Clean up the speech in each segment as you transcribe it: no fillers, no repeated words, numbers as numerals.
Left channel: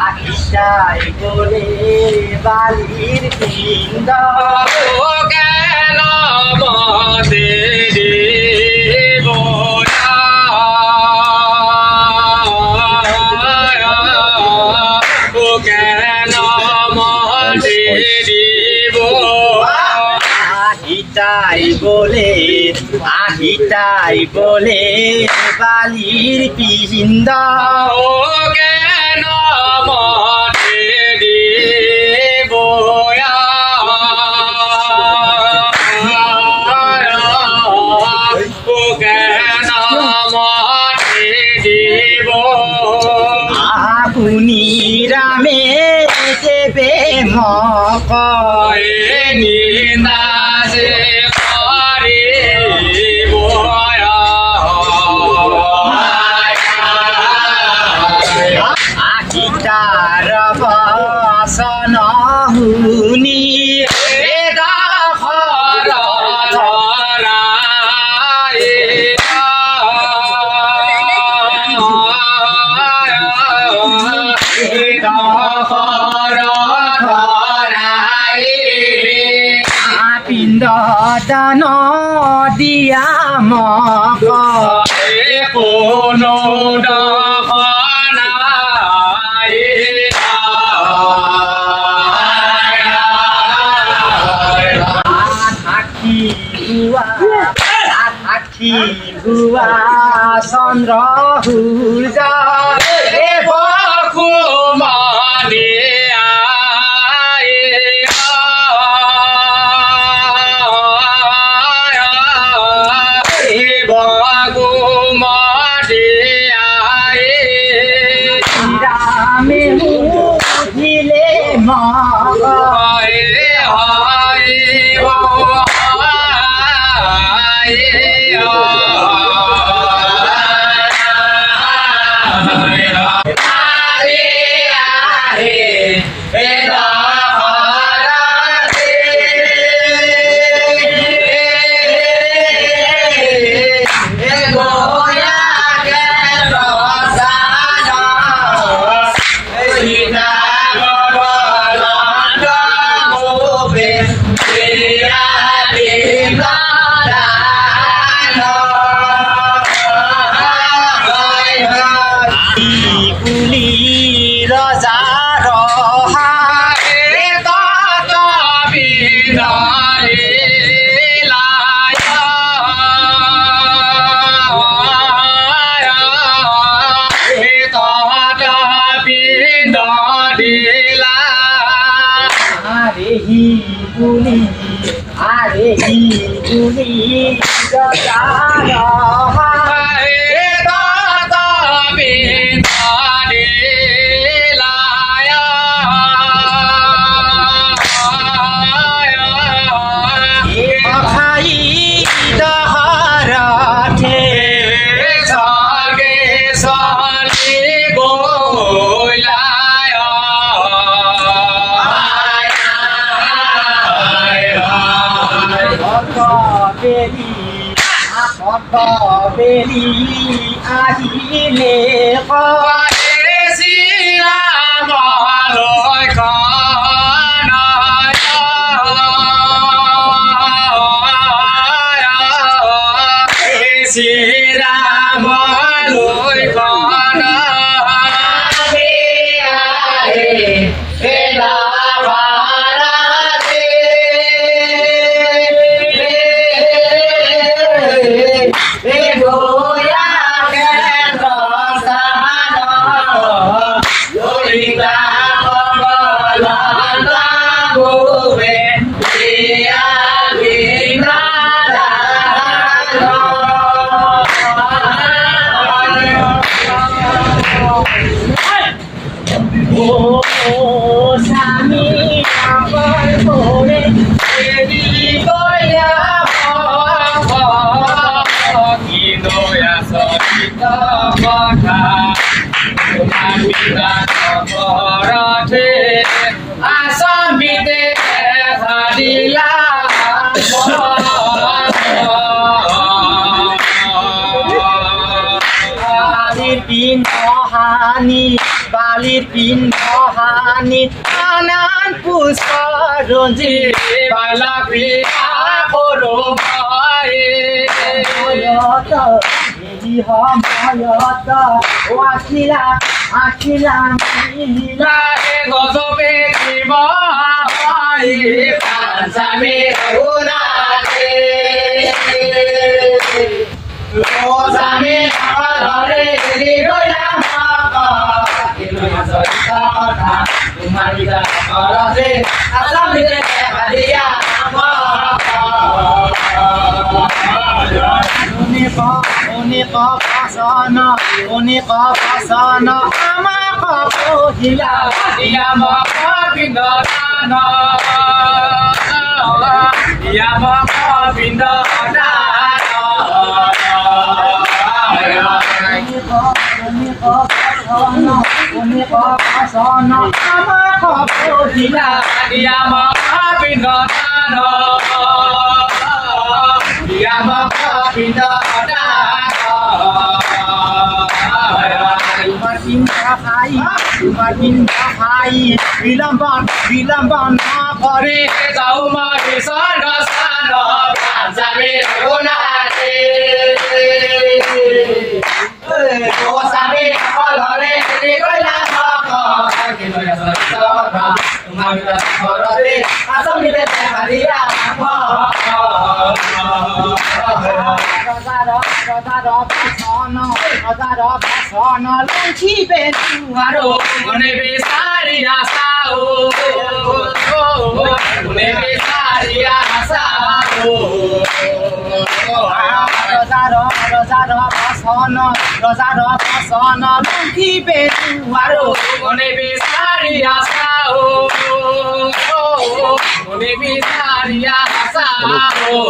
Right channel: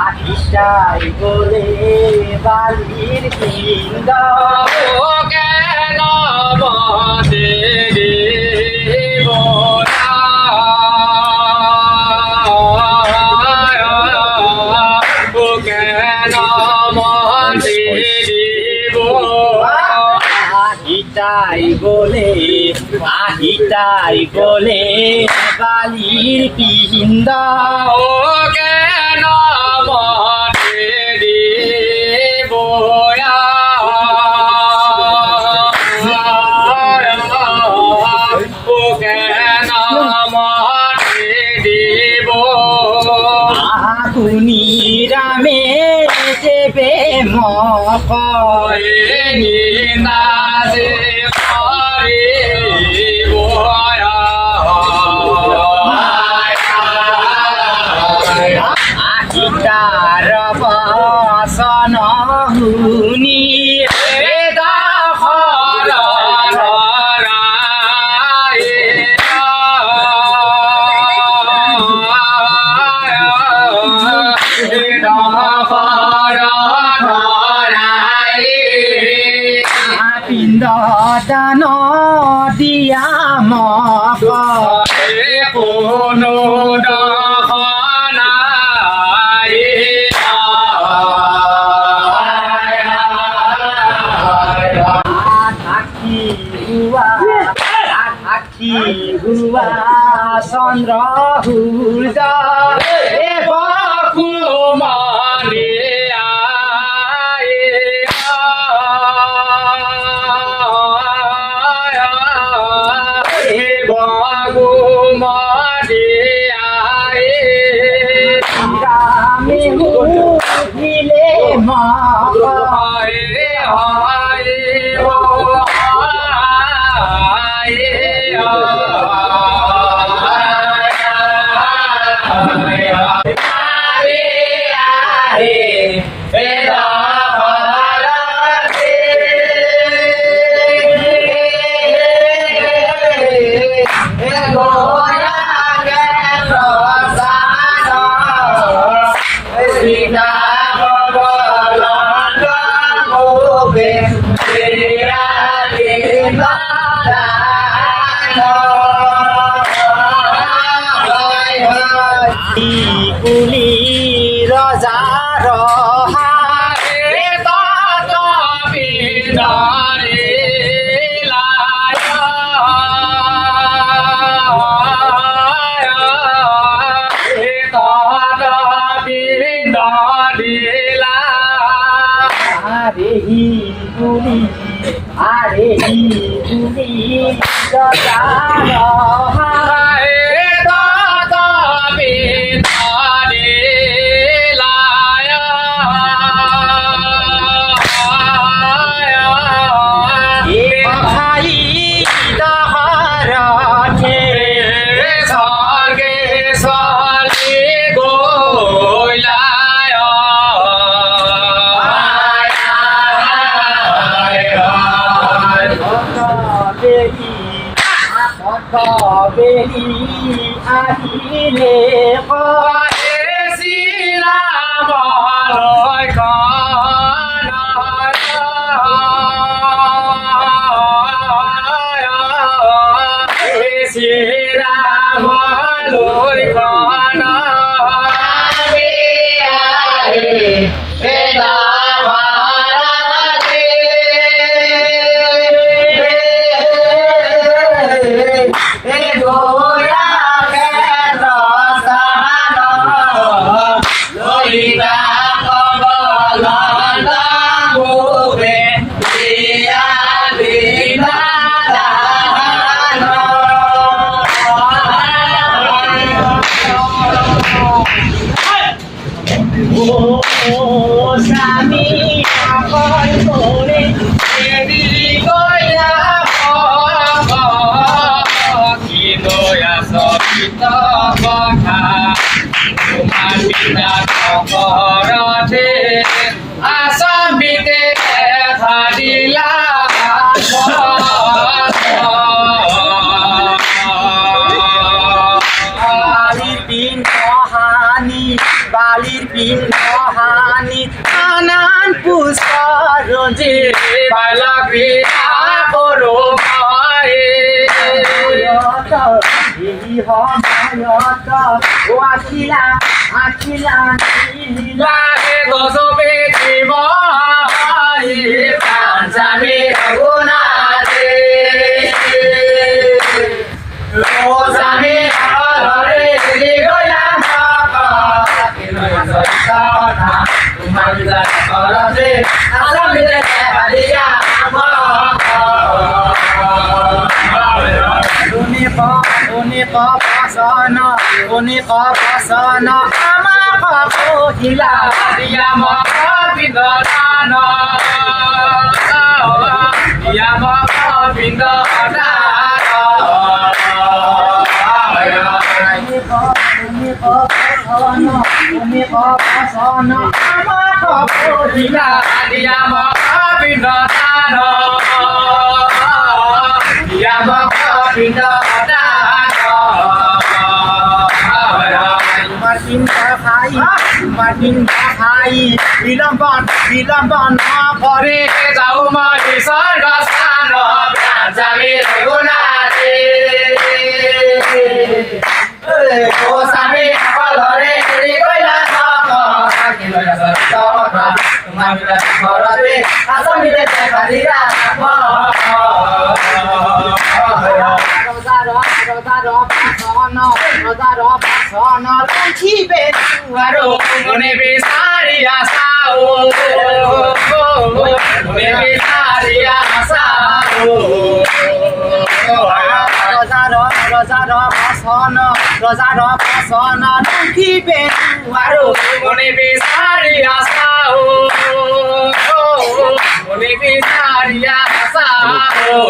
আহিতাই বলে বালির পিণ্ড কেন মতে দেব কেন মতে দেব আহিতাই বলে বালির পিণ্ড কেন মতে দেব কেন মতে দেব আপনি রামে দেবে মক নিন্দাসে করে আহিতার বসন হুনি বেদা হর ধরায় বেদা হর ধরায় পিণ্ড দান দিয়া মক কোনো দহনায় সাক্ষী হুয়া চন্দ্র সূৰ্য বকুমানে ৰামে দিলে মক কুলি ৰজাৰ আৰে হি বুলি ৰজাৰ বেলি আহিলে শ্রীরাম লই কন ও স্বামী আপন করে দেরি কইরা কিন্তু আচৰিত কথা তোমাৰ পিতা ঘৰতে আচম্বিতে দেখা দিলা বালির পিণ্ড হানি নানান পুষ্প রঞ্জি বাইলা পিতা করো মায়ত এই হমায়ত ও আখিলা আখিলা নীলা লাগে গজবে জীব পাঞ্জামে গুণাতে রোজামে ঘরে গইলাম তোমার ঘরতে আসামিতে দেখা দিয়া অনেক পাসন আমাক কহিলা দিয়া মক পিণ্ডদান দিয়া মক পিণ্ডদান অনেক পাসন আমাক কহিলা দিয়া মক পিণ্ডদান দিয়া মক পিণ্ডদান তোমার পিণ্ডা খাই বিলম্বন করে যাও মই স্বর্গ স্থান পাঞ্জামে গুণাতে ও স্বামী ঘরে গইলাম তোমার ঘরতে আসামিতে দেখা দিয়া রজার পাসন লঙ্ঘিবে আরো মনে বিচারিয়া সাও মনে বিচারিয়া সাও রজার পাসন লঙ্ঘিবে আরো মনে বিচারিয়া সাও মনে বিচারিয়া সাও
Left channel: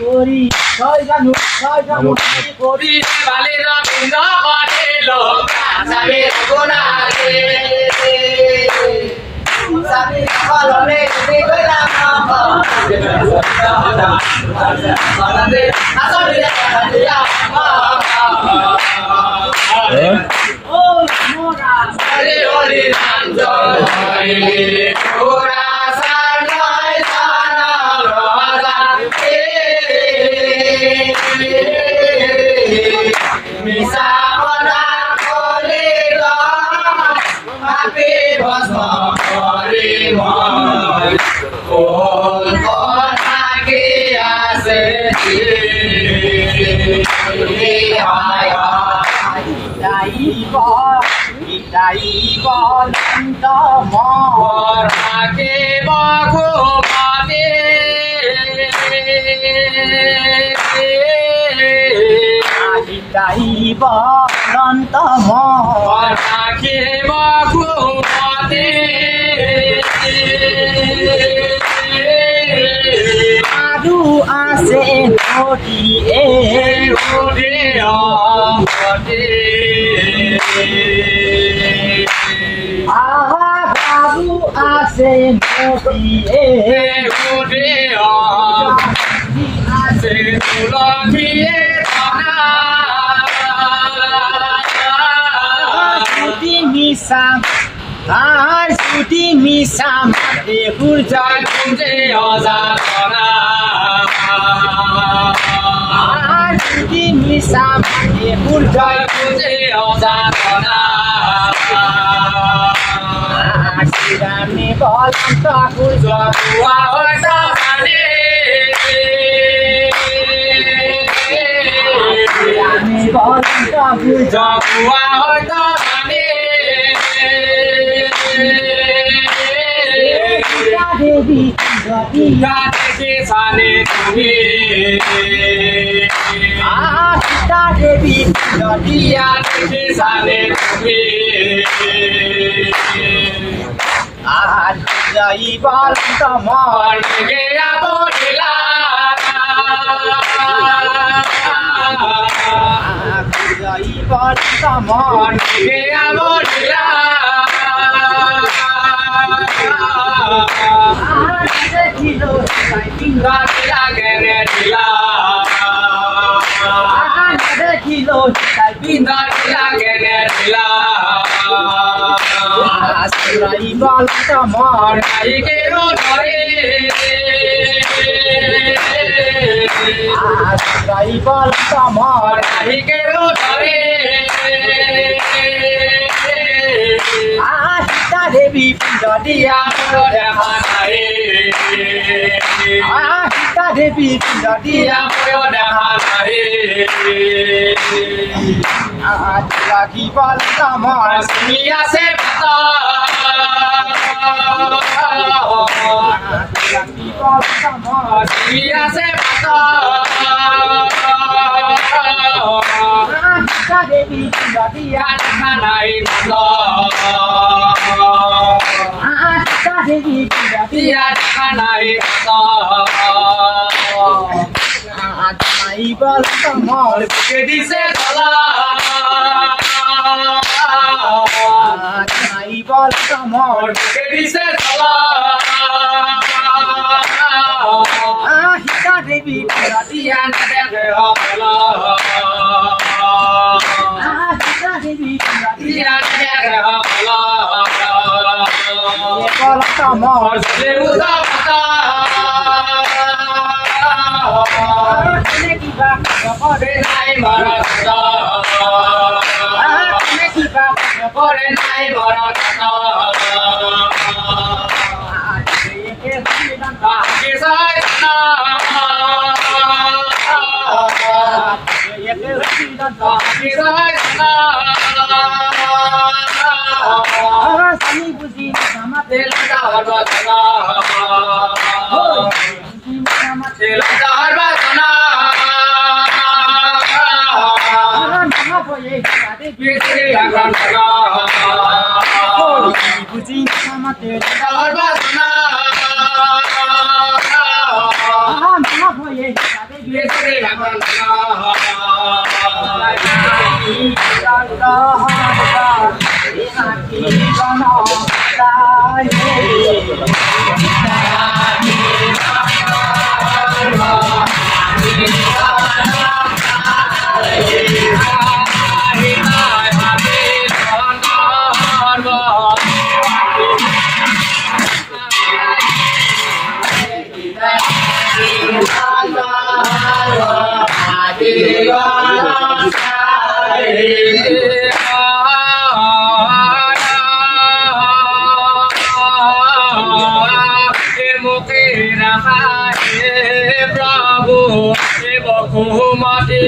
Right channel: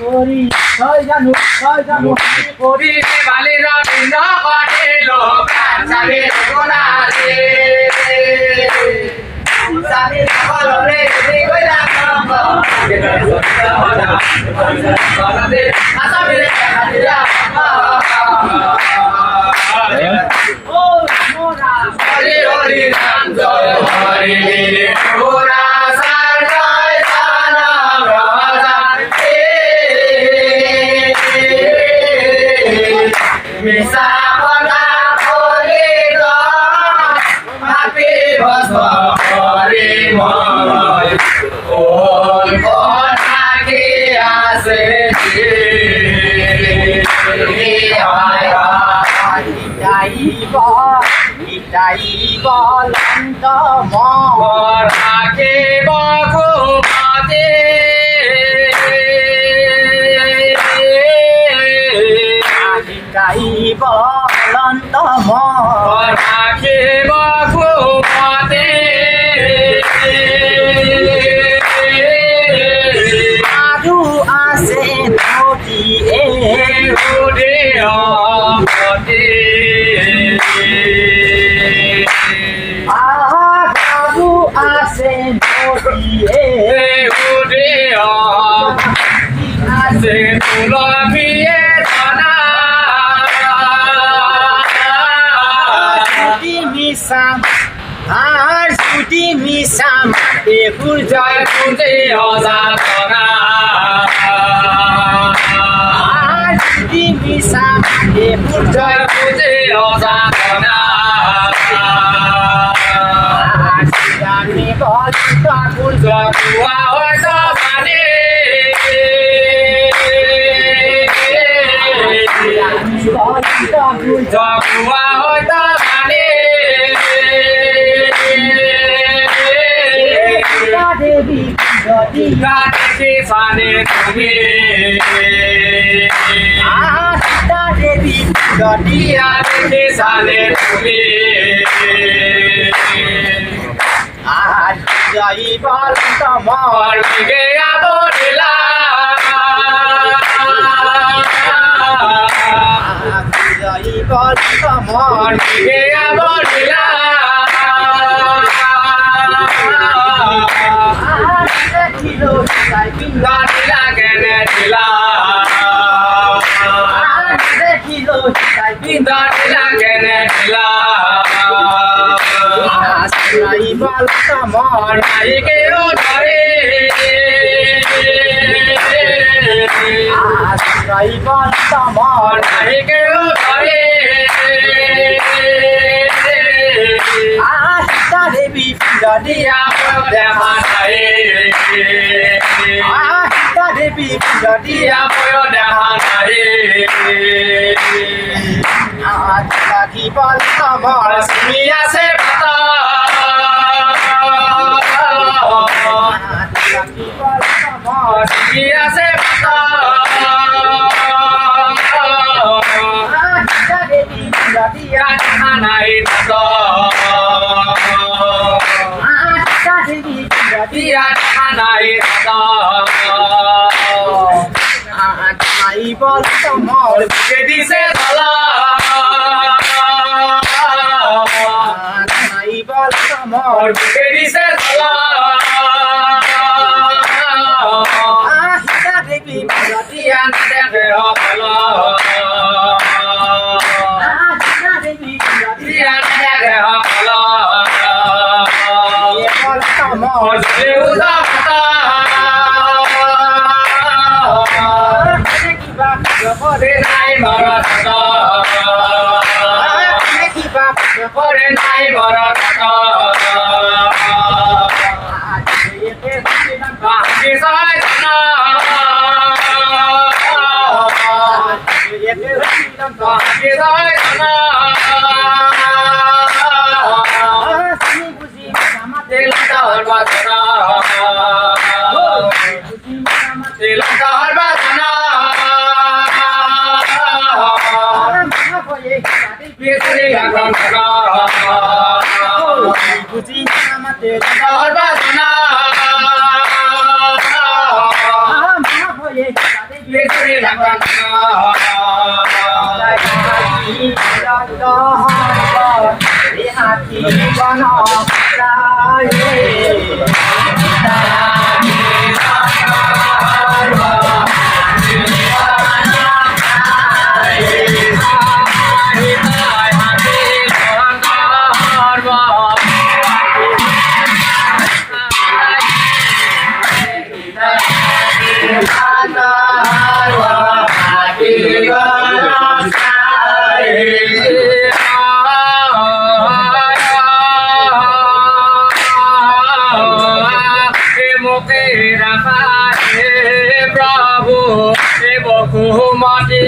করি জয় জানু করি বালির বিন্দ কটিল পাঞ্জাবে গুণাতে স্বামী ঘরে গইলাম ও মোরা হরি হরি নাম জয় হরি পুরা সারায় সারা রাজা মিশা পনা করে মাপে ভস্ম করে ময় কোন থাকে আসে ইতাইব লন্ত থাকে বঘুমতে ইতাইব লন্ত থাকে বঘুমতে আদু আছে নদী আদু আছে নদী আছে তুলসিয়ে ধনা মিশা আর ছুটি মিশা মাতে জয় পুজে অজাতনা আর ছুটি মিশা মাতে জয় পুজে অজাতনা আর শিরানি বলন্ত সূর্য জপুয়া হইত মানে শিরানি বলন্ত সূর্য জপুয়া হইত মানে দেবী যদি গাছে সানে তুমি সীতা দেবী যদি গাছে সানে তুমি আর যাই বল তোমার গে আবরিলা যাই বল তোমার গে আবরিলা দেখিল তাই বিন্দা দিলা কেনে দিলা দেখিল তাই বিন্দা দিলা কেনে দিলা যাই বল তোমার কে ধরে যাই বল তোমার কে ধরে সীতা দেবী যদি দেখা নাই সীতা দেবী যদি দেখা নাই লাগি বল তোমার তুমি আছে পাতা লাগি বল তোমার তুমি আছে পাতা সীতা দেবী যদি দেখা নাই সীতা দেবী যদি দেখা নাই যাই বল তোমার দিছে ধলা যাই বল তোমার দিছে ধলা সীতা দেবী যদি দেখে হলা সীতা দেবী যদি দেখে হলা বল তোমার উদা পাতা কিবা করে নাই মরত কিবা করে নাই মরত বাকি সাইনা বাকি সাইনা আমি বুঝি আমাতে তেলটা হরবাদনা বুঝি আমাতে তেলটা হরবাদনা মামা বয়ে সাথে বিয়েতে লাগন লাগা বুঝি আমাতে হরবাদনা মামা বয়ে সাথে বিয়েতে লাগন মুখে রাখা প্রভু বকুমতি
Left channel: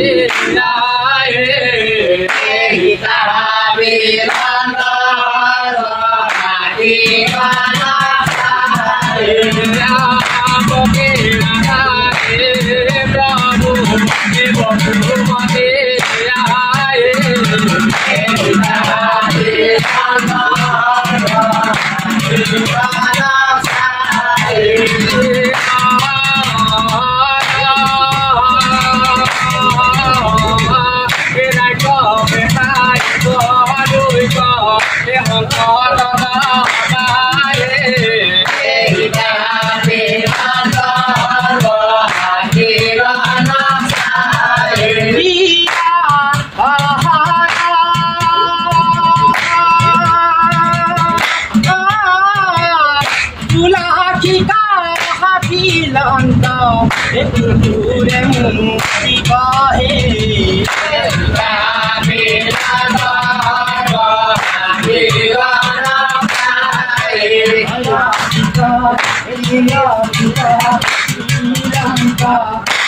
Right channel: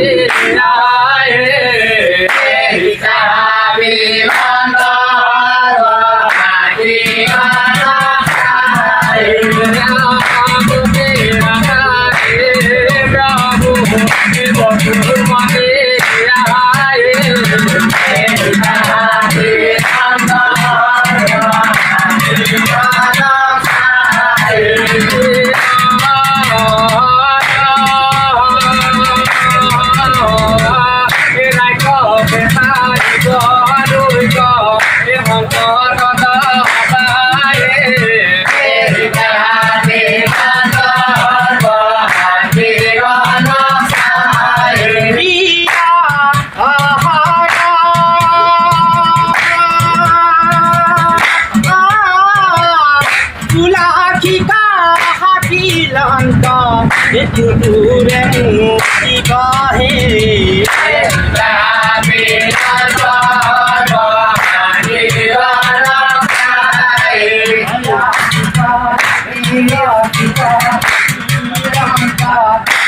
একটু দূরে মুক্তি বাহে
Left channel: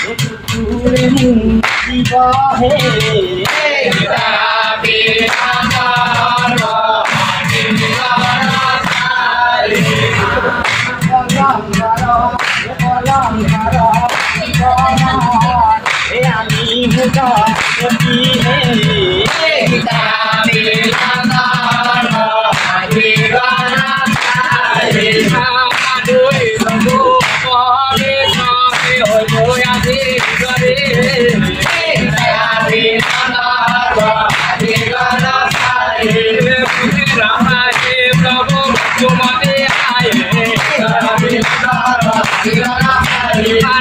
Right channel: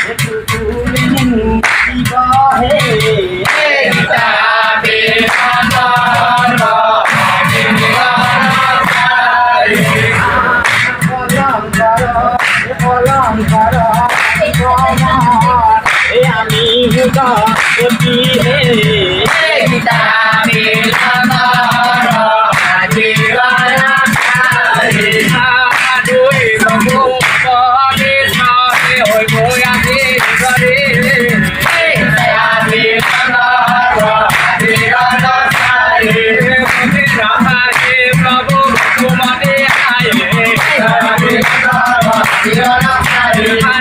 একটু দূরে মুক্তি বাহে मी हुदा होती है गीता मिलना जीवन दुई प्रभु परे सारे हो गोया भी करे दया मिलना जीवन सारे रहा है प्रभु तुम्हारे आए दया मिलना जीवन सारे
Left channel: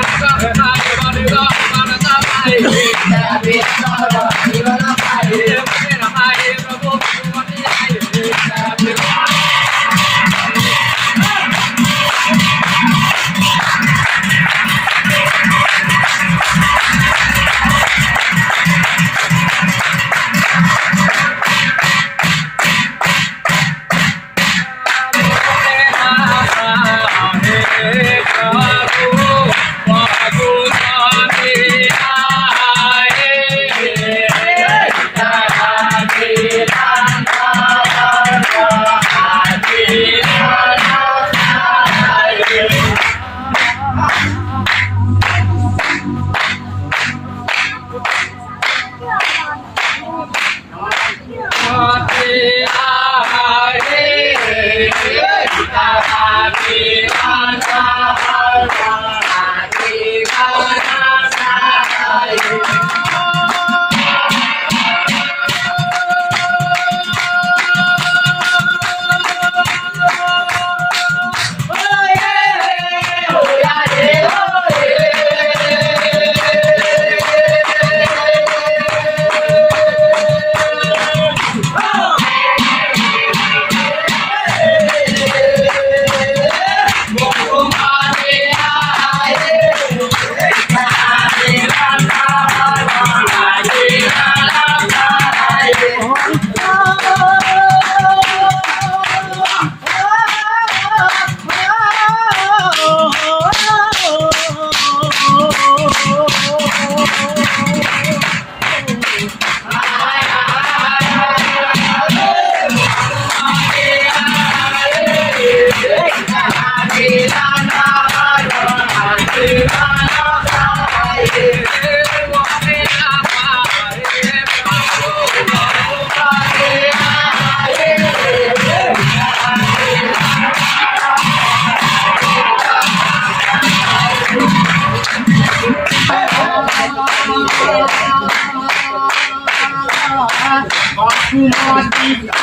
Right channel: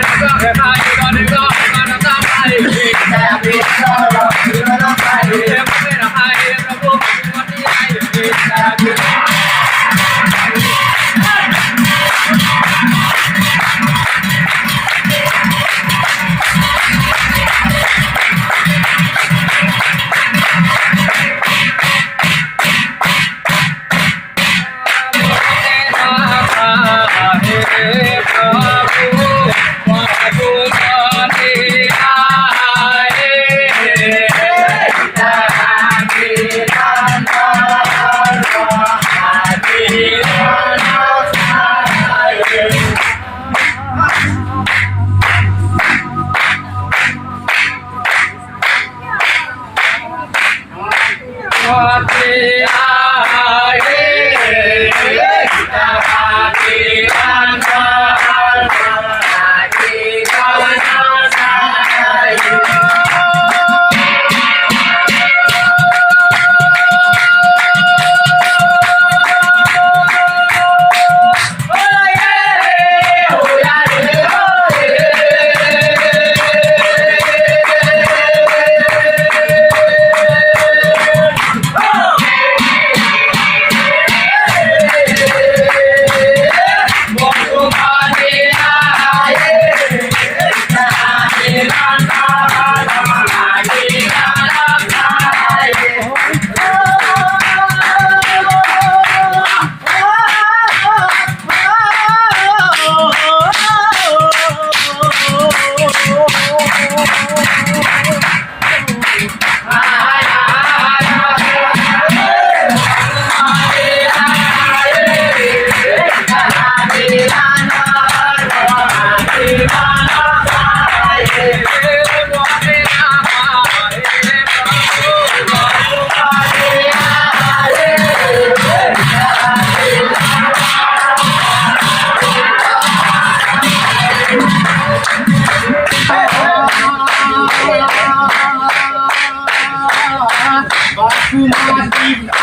Aku mati